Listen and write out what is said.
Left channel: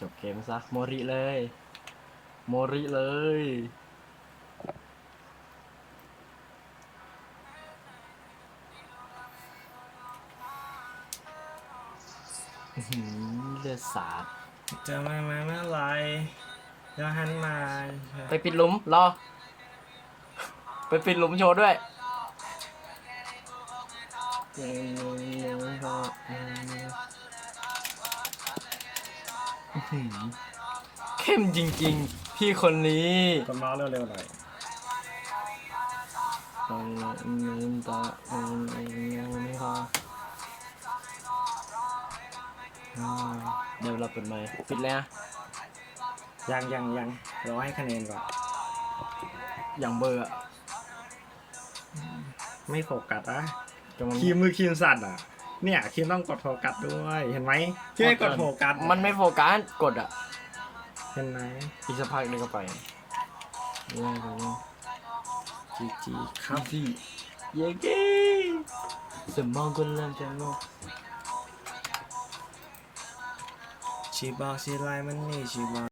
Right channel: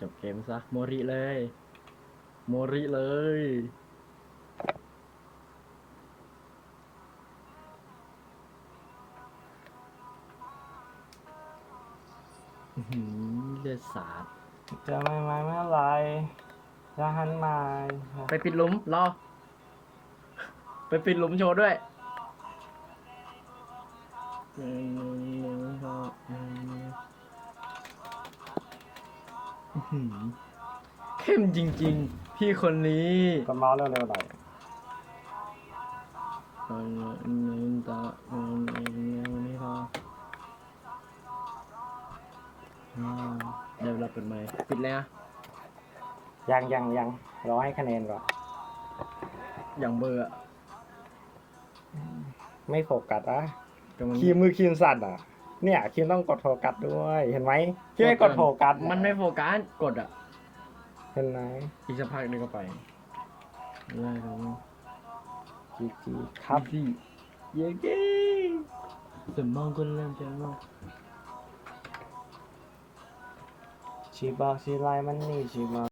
จบเกมซะโมริเลย โมริเลยเลือดสาดจะไม่มาเมื่อไรจ้อหันมา ไปปิดหลุม รอ ไปปิดหลุมโชว์ด้วยเข้มจริง ๆ พี่คนนี้ ก็มาแล้วเร็วๆหน่อยเดี๋ยวเราเปิดไหมปิดแลอวยังยังยังรอให้คะแนนก่อน อย่างเบอรอไม่โฟกัสอ่ะคีมมือคีมสัตว์อ่ะเนี่ยคิมต้องกดโฟกัสด้วย เห็นไหมเชม่กดโฟกัสมันไม่โฟกัส กดอ่ะเห็นไหมอีสัภาคนึงก็ไปเน้่ยตรจีจีครับพี่ เย้เก้สมองกันเริ่มจะงงชีบอกชีไลมันนี่ชีบา